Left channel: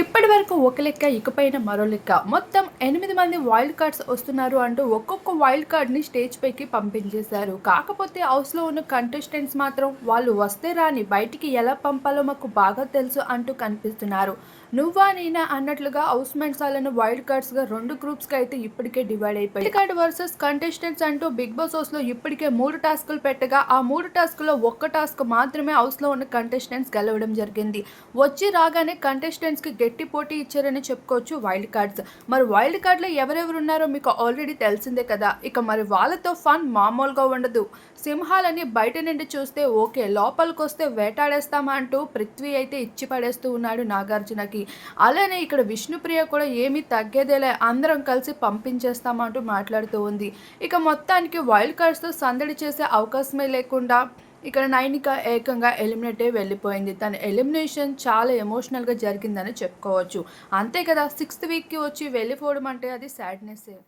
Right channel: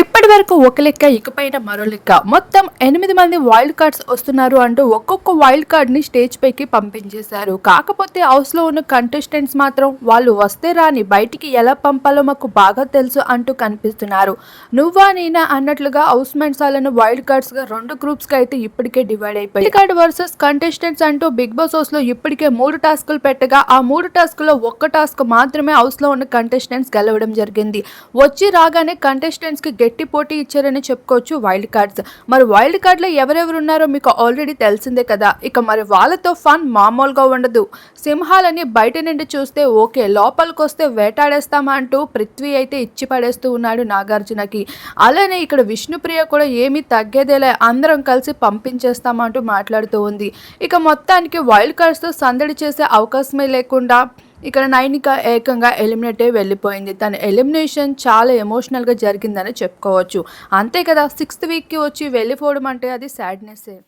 ఇప్పటి వరకు ఒక లెక్క ఇకపైన మరో లెక్క. మొత్తం ఎనిమిది మంది వైల్డ్ కార్డ్స్ వస్తున్నారు అంటూ ఒక్కొక్క వైల్డ్ కార్డ్ని స్టేజ్ పైకి పంపించేశారు. కాకపోతే హౌస్లో ఉన్న కంటెస్టెంట్స్ మాత్రం వాళ్ళు వస్తే రాని బయటికి ఎలా పంపాలో మాకు బాగా తెలుసు అంటూ కనిపిస్తున్నారు. నువ్వా నేనా అన్నట్లుగా హౌస్ మెంట్స్ వాళ్ళను వైల్డ్ కార్డ్స్గా రెండు గ్రూప్స్కి అయితే ఇప్పటికే డివైడ్ అయిపోయి కార్డ్ వర్సెస్ కంటెస్టెంట్స్ అంటూ బిగ్ బాస్ హౌస్లో ఇప్పటికే మూడు టాస్కులు పెట్టగా ఆ మూడు టాస్క్లో ఒక్క టాస్క్ మాత్రమే హౌస్లో ఉన్న కంటెస్టెంట్స్ గెలవడం జరిగింది. వచ్చి రాగానే కంటెస్టెంట్స్కి గట్టి పోటీ ఇచ్చారని చెప్పుకోవచ్చు వైల్డ్ కార్డ్స్. మరి వైల్డ్ కార్డ్లో ఎవరెవరు ఉన్నారో మీకు ఆల్రెడీ తెలిసిందే కదా. ఇక మరి వాళ్ళతో ఫన్ మామూలుగా ఉండదు. సింహాలని బయట నుండి చూస్తే ఓకే లోపలికి వస్తే వేటాడేస్తామా అంటూ పృథ్వీ అయితే ఇచ్చి పడేస్తూ ఉన్నాడు నాగార్జునకి. అలానే ఇక్కడ విష్ణుప్రియ కూడా ఏమీ తగ్గేదేలే అందరం కలిసి పంపించేస్తామంటూ మాట్లాడుతూ ఉంది. ఇక మొత్తానికి వైల్డ్ కార్డ్స్తో సందడి చేసే అవకాశమే లేకుండా ఇక్కడ నైనిక ఏకంగా ఎలిమినేట్ అయి వెళ్ళిపోయింది. తన ఎలిమినేషన్ చాలా ఎమోషనల్గా జరిగిందని చెప్పుకోవచ్చు. అంతే కదా సిక్స్త్ వీక్కి వచ్చి వెళ్ళిపోవడం అంటే అది సాడ్నెస్సే